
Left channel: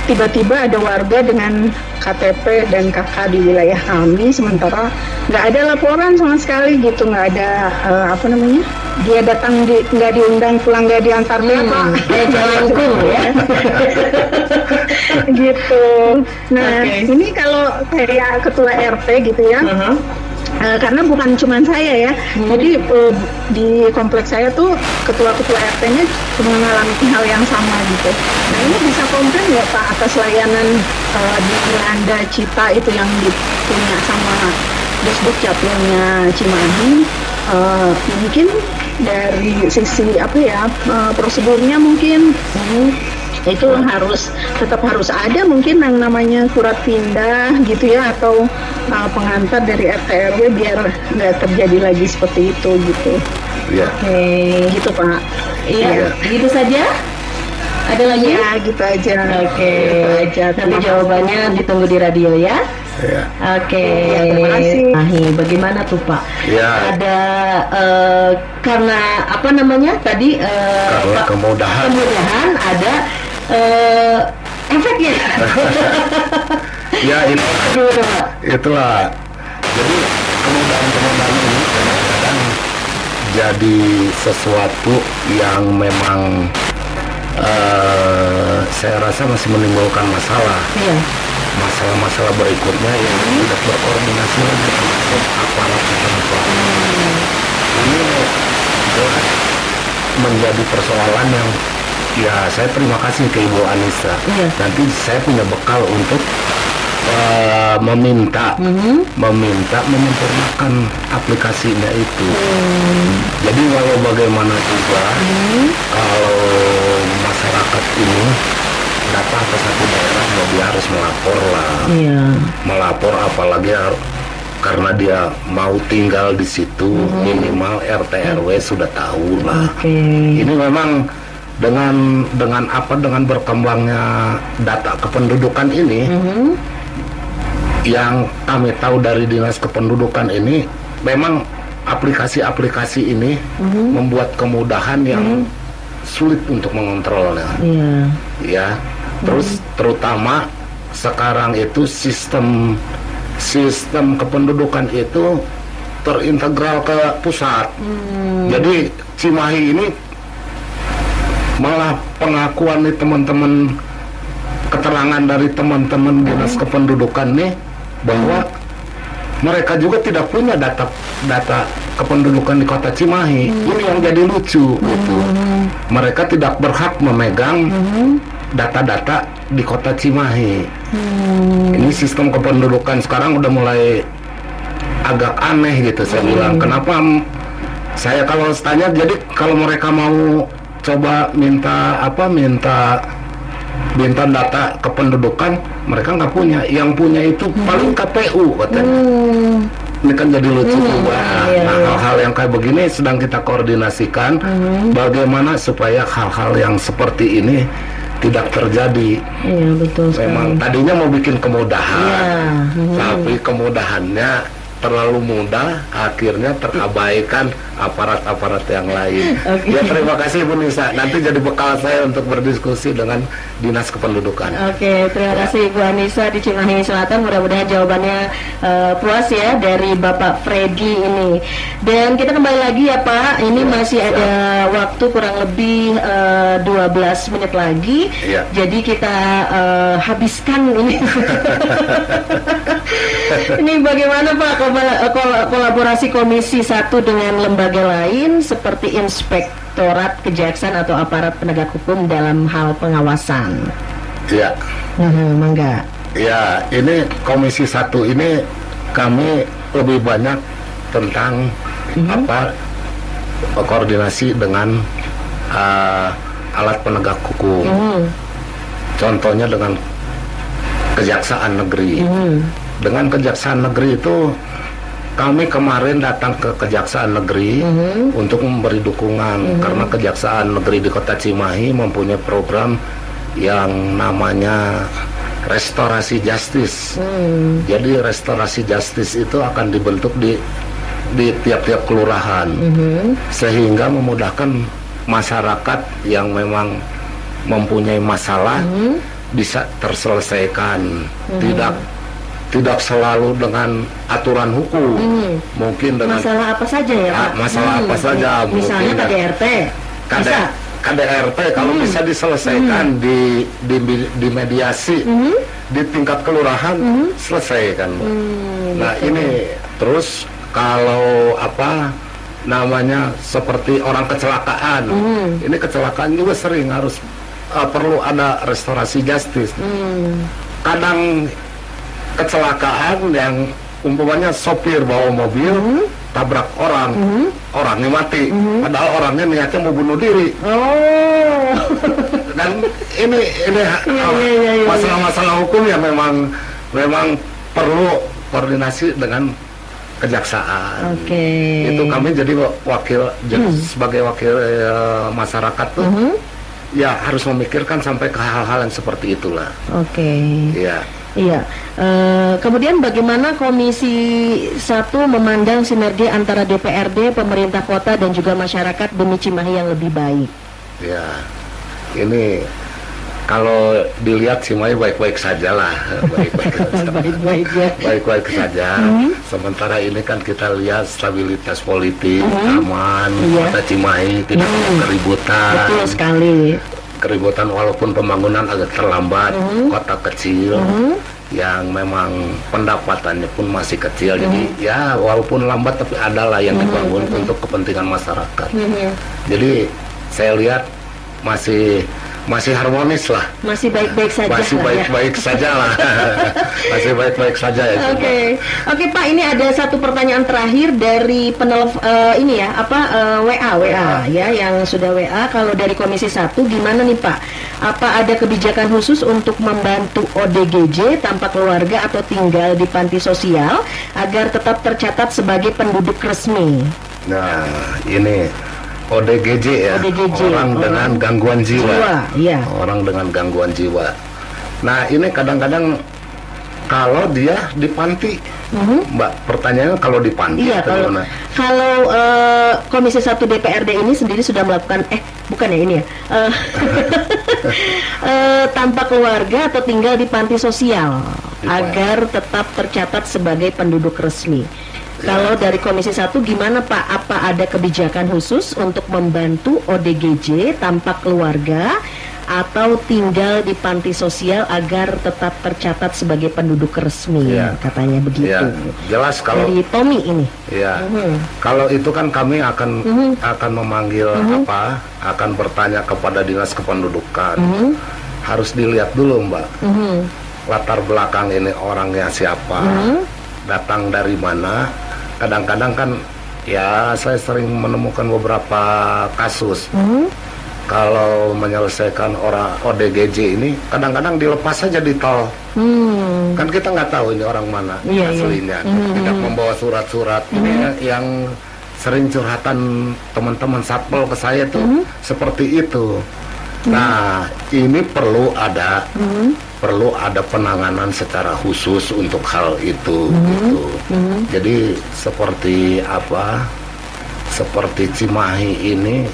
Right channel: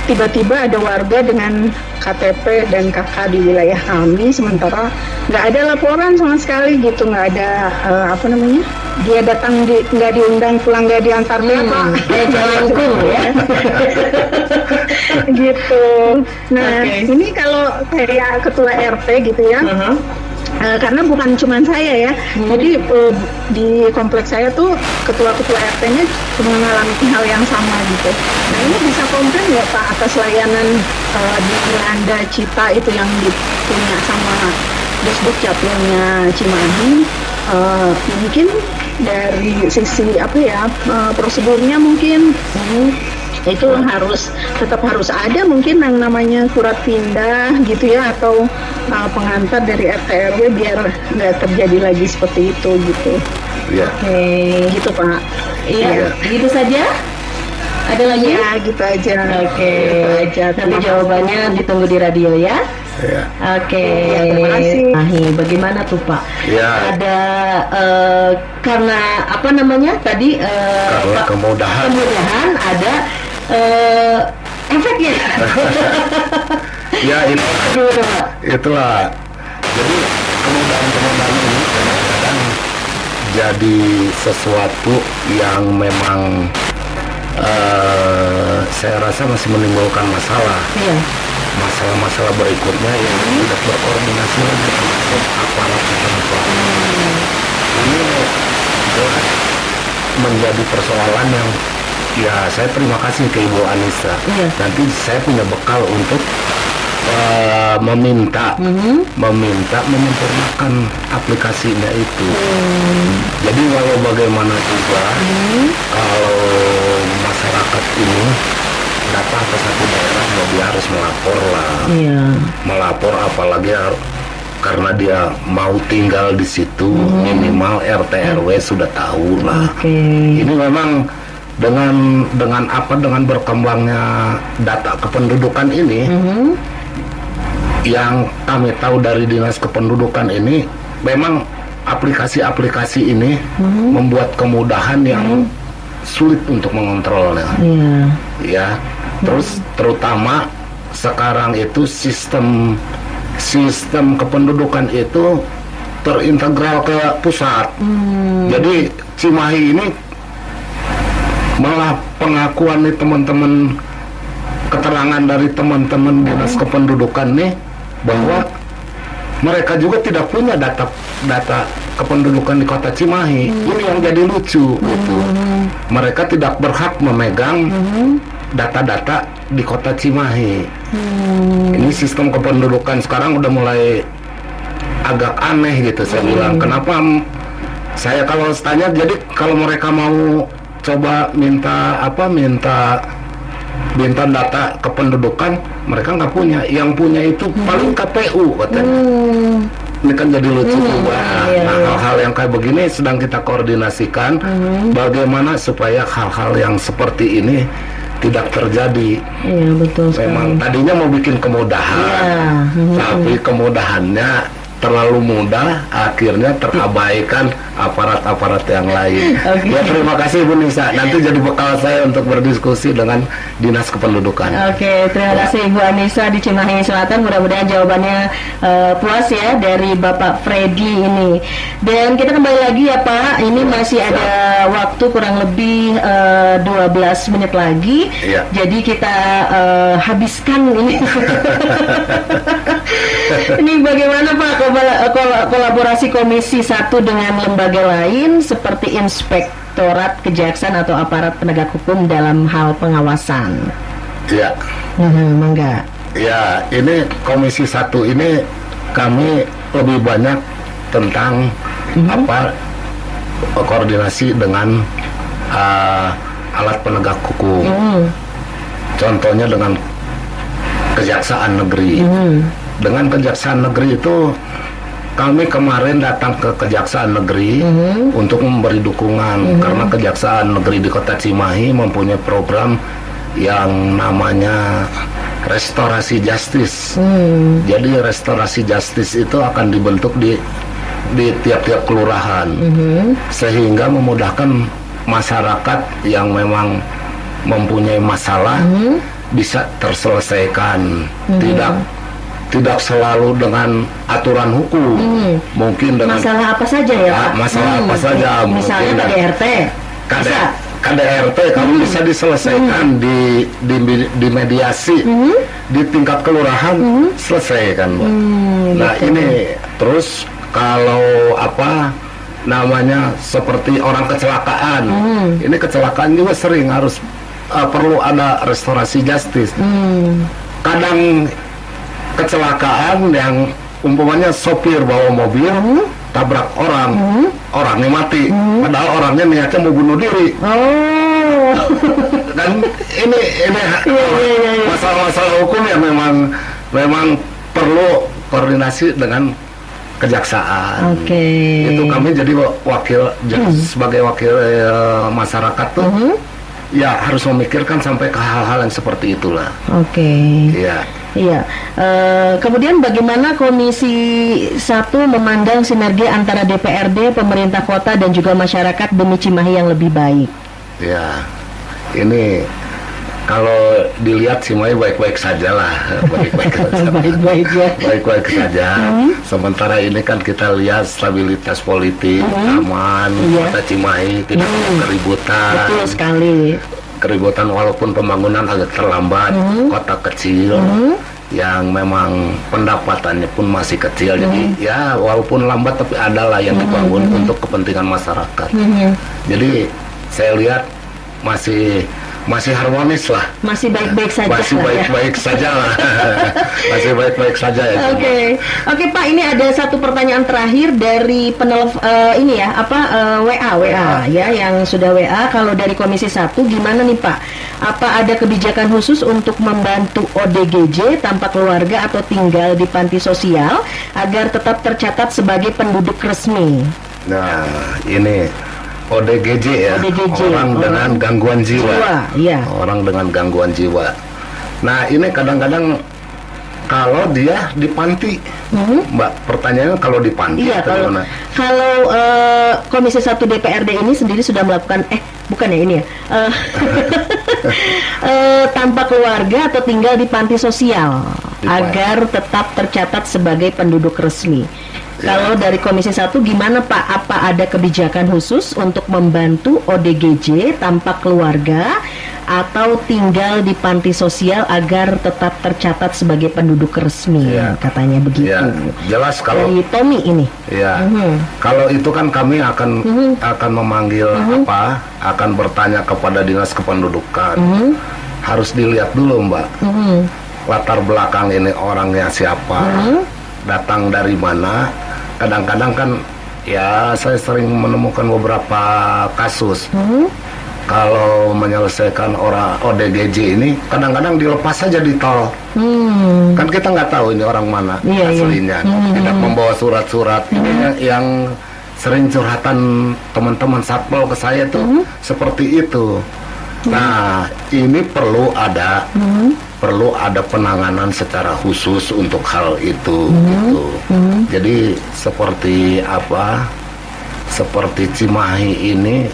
tiba-tiba ada warga dengan KTP dan KK di wilayah kami, sementara nggak ada laporan sama sekali gitu, nggak ada dia datang nggak diundang, pulang nggak diantar Pak. Jalanku ya. Gitu. Nah, ini kalau kayak ketua RT gitu ya. Karena bukan cuma saya ya, jadi di kompleks saya tuh ketua-ketua RT-nya mengalami hal yang sama gitu. Nah, ini bisa komplain nggak Pak atas layanan di Dilanda Cita itu yang punya sama Disduk Capilnya Cimahi? Mungkin dari sisi prosedurnya mungkin itu tetap harus ada mungkin yang namanya surat pindah gitu ya, atau pengantar dari RT RW biar nggak terjadi lagi seperti itu gitu. Oke. Gitu Pak. Iya. Gitu saja. Ada lagi? Ya, gitu aja. Oke. Gitu aja. Nanti jawabannya ditunggu di radio ya. Oke. Ya, terima kasih. Bagaimana tuh Pak? Ya. Ada karena apa namanya tadi? Karena kemudahan ada efeknya. Ya, itulah. Jadi kemudahan ini kadang-kadang jadi sesuatu yang memang saya rasa masih menimbulkan masalah. Masalah-masalah berikutnya yang tidak berkoordinasi lagi termasuk aparat setempat. Ini jelas menjadi persoalan yang saya terima kasih ke Ibu Anissa. Nanti saya punya bekal untuk meminta menyempurnakan aplikasinya itu. Jadi walau bagaimana juga kalau masyarakat ini datang ke satu daerah ya dia harus melapor lah. Iya. Melapor apalagi karena dia mau tinggal di situ, minimal RT RW sudah tahu lah. Oke. Ini memang dengan berkembangnya data kependudukan ini, yang kami tahu dari Dinas Kependudukan ini, memang aplikasi-aplikasi ini membuat kemudahan yang sulit untuk mengontrolnya. Iya. Ya, terus terutama sekarang itu sistem kependudukan itu terintegral ke pusat. Jadi Cimahi ini malah pengakuan nih teman-teman, keterangan dari teman-teman Dinas Kependudukan nih bahwa mereka juga tidak punya data kependudukan di Kota Cimahi. Ini yang jadi lucu gitu. Mereka tidak berhak memegang data-data di Kota Cimahi. Ini sistem kependudukan sekarang udah mulai agak aneh gitu. Saya bilang, kenapa saya kalau tanya, jadi kalau mereka mau coba minta data kependudukan, mereka nggak punya. Yang punya itu paling KPU katanya. Ini kan jadi lucu juga. Nah, hal-hal yang kayak begini sedang kita koordinasikan bagaimana supaya hal-hal yang seperti ini tidak terjadi. Iya, betul sekali. Memang tadinya mau bikin kemudahan, tapi kemudahannya terlalu mudah, akhirnya terabaikan aparat-aparat yang lain. Ya, terima kasih Bu Nisa. Nanti jadi bekal saya untuk berdiskusi dengan Dinas Kependudukan. Oke, terima kasih Bu Anissa di Cimahi Selatan. Mudah-mudahan jawabannya puas ya dari Bapak Freddy ini. Dan kita kembali lagi ya Pak. Ini masih ada waktu kurang lebih 12 menit lagi. Iya. Jadi kita habiskan ini. Ini bagaimana Pak kolaborasi Komisi 1 dengan lembaga lain seperti Inspektorat Kejaksaan atau aparat penegak hukum dalam hal pengawasan? Iya. Mangga. Ya, ini Komisi 1 ini kami lebih banyak tentang koordinasi dengan alat penegak hukum. Contohnya dengan Kejaksaan Negeri. Dengan Kejaksaan Negeri itu kami kemarin datang ke Kejaksaan Negeri untuk memberi dukungan karena Kejaksaan Negeri di Kota Cimahi mempunyai program yang namanya restorasi justice. Jadi restorasi justice itu akan dibentuk di tiap-tiap kelurahan sehingga memudahkan masyarakat yang memang mempunyai masalah bisa terselesaikan. Tidak selalu dengan aturan hukum, mungkin dengan masalah apa saja ya Pak? Masalah apa saja, misalnya KDRT, KDRT kalau bisa diselesaikan di mediasi di tingkat kelurahan, selesai kan Bu. Nah ini terus kalau seperti orang kecelakaan, ini kecelakaan juga sering harus perlu ada restorasi justice. Kadang kecelakaan yang umpamanya sopir bawa mobil tabrak orang, orangnya mati, padahal orangnya niatnya mau bunuh diri. Dan ini masalah-masalah hukum yang memang perlu koordinasi dengan kejaksaan. Itu kami jadi sebagai wakil masyarakat tuh. Ya harus memikirkan sampai ke hal-hal yang seperti itulah. Iya. Kemudian bagaimana Komisi 1 memandang sinergi antara DPRD, pemerintah kota dan juga masyarakat demi Cimahi yang lebih baik? Ya, ini kalau dilihat Cimahi baik-baik saja lah, baik-baik saja. Sementara ini kan kita lihat stabilitas politik aman, Kota Cimahi tidak ada keributan. Betul sekali. Keributan walaupun pembangunan agak terlambat, kota kecil yang memang pendapatannya pun masih kecil, jadi ya walaupun lambat tapi adalah yang dibangun untuk kepentingan masyarakat. Jadi saya lihat masih masih harmonis lah. Masih baik-baik saja. Masih lah ya. baik-baik saja lah. Masih baik-baik saja ya. Oke Pak, ini ada satu pertanyaan terakhir dari ini ya, WA ya, yang sudah WA. Kalau dari Komisi 1 gimana nih Pak? Apa ada kebijakan khusus untuk membantu ODGJ tanpa keluarga atau tinggal di panti sosial agar tetap tercatat sebagai penduduk resmi? Nah, ini ODGJ ya, ODGJ, orang dengan gangguan jiwa. Iya. Orang dengan gangguan jiwa. Nah, ini kadang-kadang kalau dia di panti, Mbak, pertanyaannya kalau di panti Iya, kalau Komisi 1 DPRD ini sendiri sudah melakukan bukan ya ini ya, tanpa keluarga atau tinggal di panti sosial agar tetap tercatat sebagai penduduk resmi. Kalau dari Komisi 1 gimana Pak? Apa ada kebijakan khusus untuk membantu ODGJ tanpa keluarga atau tinggal di panti sosial agar tetap tercatat sebagai penduduk resmi? Ya. Katanya begitu. Ya, jelas kalau dari Tommy ini. Ya, kalau itu kan kami akan memanggil akan bertanya kepada Dinas Kependudukan. Harus dilihat dulu Mbak, latar belakang ini orangnya siapa, datang dari mana. Kadang-kadang kan ya saya sering menemukan beberapa kasus. Kalau menyelesaikan orang ODGJ ini kadang-kadang dilepas saja di tol. Kan kita nggak tahu ini orang mana aslinya. Tidak membawa surat-surat. Ini yang sering curhatan teman-teman satpol ke saya tuh seperti itu. Nah, ini perlu ada penanganan secara khusus untuk hal itu gitu. Jadi seperti Cimahi ini,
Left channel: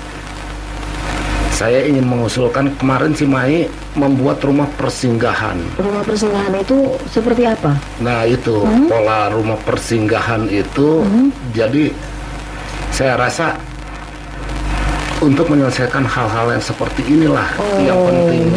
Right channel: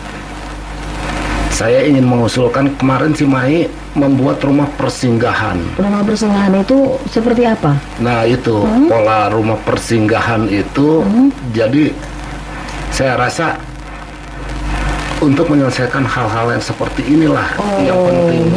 saya ingin mengusulkan kemarin Cimahi membuat rumah persinggahan. Rumah persinggahan itu seperti apa? Nah, itu pola rumah persinggahan itu jadi saya rasa untuk menyelesaikan hal-hal yang seperti inilah yang penting.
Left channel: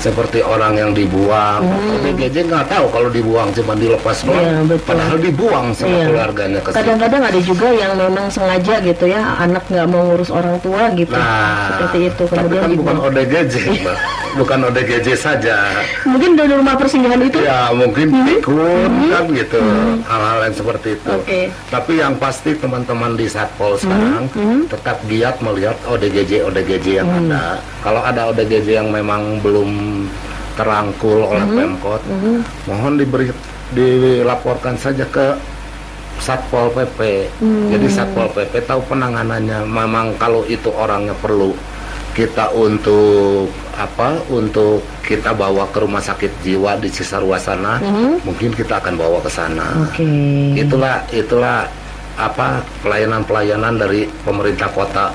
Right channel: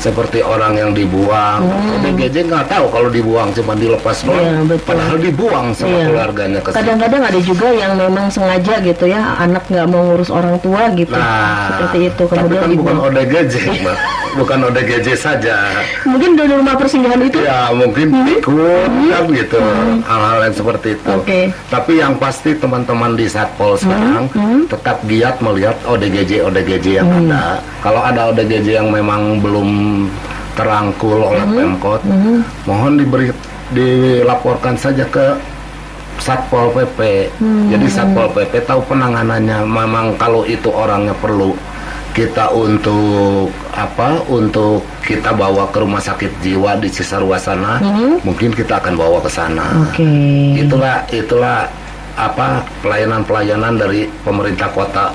Seperti orang yang dibuang, ODGJ nggak tahu kalau dibuang, cuma dilepas doang. Padahal dibuang sama keluarganya. Kadang-kadang ada juga yang memang sengaja gitu ya, anak nggak mau ngurus orang tua gitu. Seperti itu. Kemudian tapi kan bukan ODGJ, Mbak. Bukan ODGJ saja. Mungkin dari rumah persinggahan itu? Ya, mungkin ikut kan gitu. Hal-hal yang seperti itu. Tapi yang pasti teman-teman di Satpol sekarang tetap giat melihat ODGJ yang ada. Kalau ada ODGJ yang memang belum terangkul oleh Pemkot, mohon dilaporkan saja ke Satpol PP. Jadi Satpol PP tahu penanganannya. Memang kalau itu orangnya perlu kita untuk kita bawa ke rumah sakit jiwa di Cisarua sana, mungkin kita akan bawa ke sana. Itulah pelayanan dari pemerintah kota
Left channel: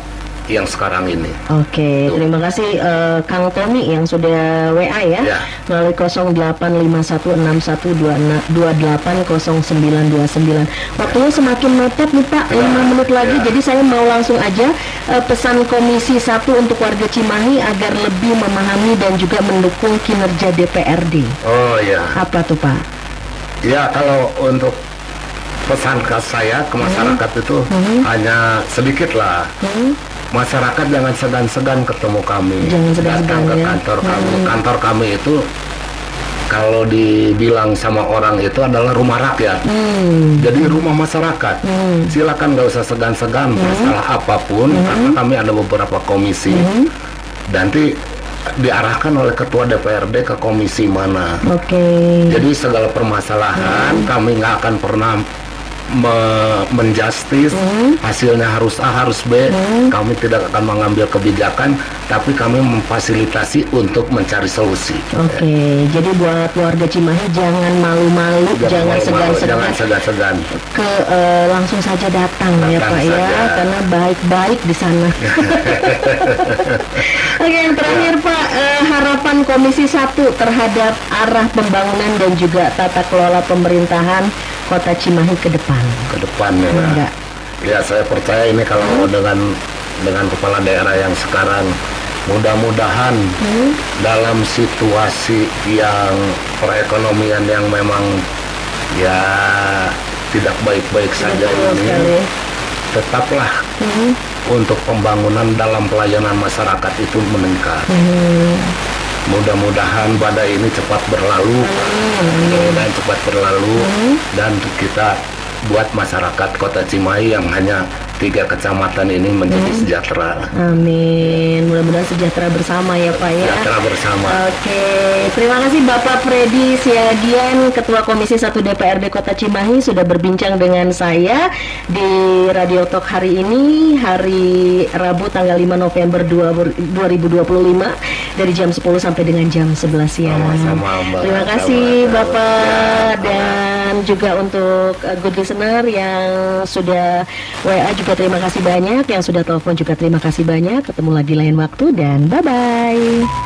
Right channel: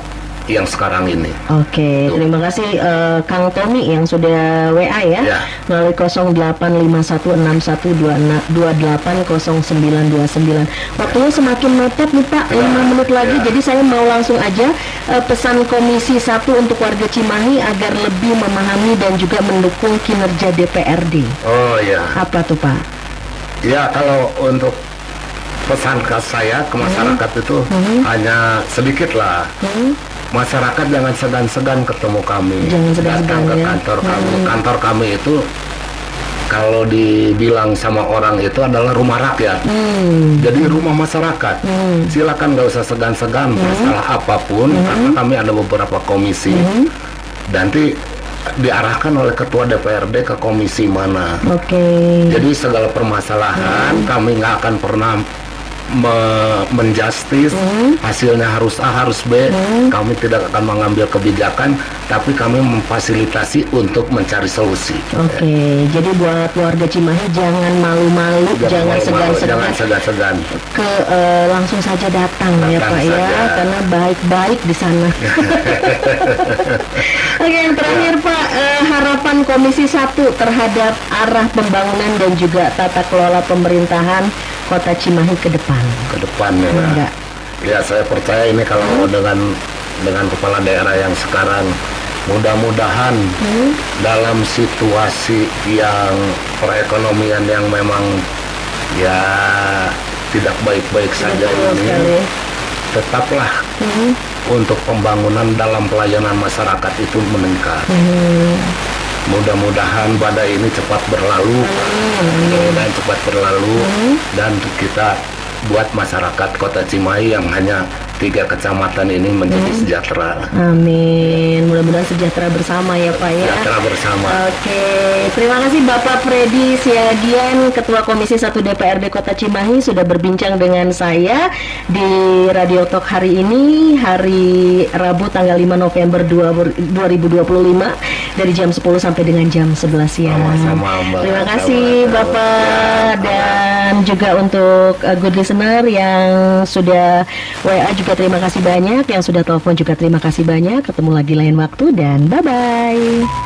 yang sekarang ini. Terima kasih Kang Tommy yang sudah WA ya, melalui 085161280929. Waktunya semakin mepet nih Pak, 5 menit lagi. Jadi saya mau langsung aja pesan Komisi 1 untuk warga Cimahi agar lebih memahami dan juga mendukung kinerja DPRD. Apa tuh Pak? Ya, kalau untuk pesan ke saya ke masyarakat itu hanya sedikit lah. Masyarakat jangan segan-segan ketemu kami, datang ke kantor kami. Kantor kami itu kalau dibilang sama orang itu adalah rumah rakyat. Jadi rumah masyarakat. Silakan nggak usah segan-segan masalah apapun, karena kami ada beberapa komisi. Nanti diarahkan oleh ketua DPRD ke komisi mana. Jadi segala permasalahan kami nggak akan pernah menjustis hasilnya harus A harus B. Kami tidak akan mengambil kebijakan, tapi kami memfasilitasi untuk mencari solusi. Jadi buat warga Cimahi jangan malu-malu, jangan segan-segan. Langsung saja datang ya Pak saja. Ya, karena baik-baik di sana. Yang terakhir Pak, harapan Komisi 1 terhadap arah pembangunan dan juga tata kelola pemerintahan Kota Cimahi ke depan. Ya, saya percaya ini kalau dengan kepala daerah yang sekarang, mudah-mudahan dalam situasi yang perekonomian yang memang ya tidak baik-baik saja ini, tetaplah untuk pembangunan dalam pelayanan masyarakat itu meningkat. Mudah-mudahan badai ini cepat berlalu, mudah-mudahan cepat berlalu, dan kita buat masyarakat Kota Cimahi yang hanya 3 kecamatan ini menjadi sejahtera. Amin. Mudah-mudahan sejahtera bersama ya Pak ya. Sejahtera bersama. Oke, terima kasih Bapak Freddy Siagian, Ketua Komisi 1 DPRD Kota Cimahi sudah berbincang dengan saya di Radio Talk hari ini, hari Rabu tanggal 5 November 2025 dari jam 10 sampai dengan jam 11 siang. Sama-sama, Mbak. Terima kasih Sama-sama. Bapak, dan juga untuk good listener yang sudah WA juga terima kasih banyak, yang sudah telepon juga terima kasih banyak. Ketemu lagi lain waktu dan bye-bye.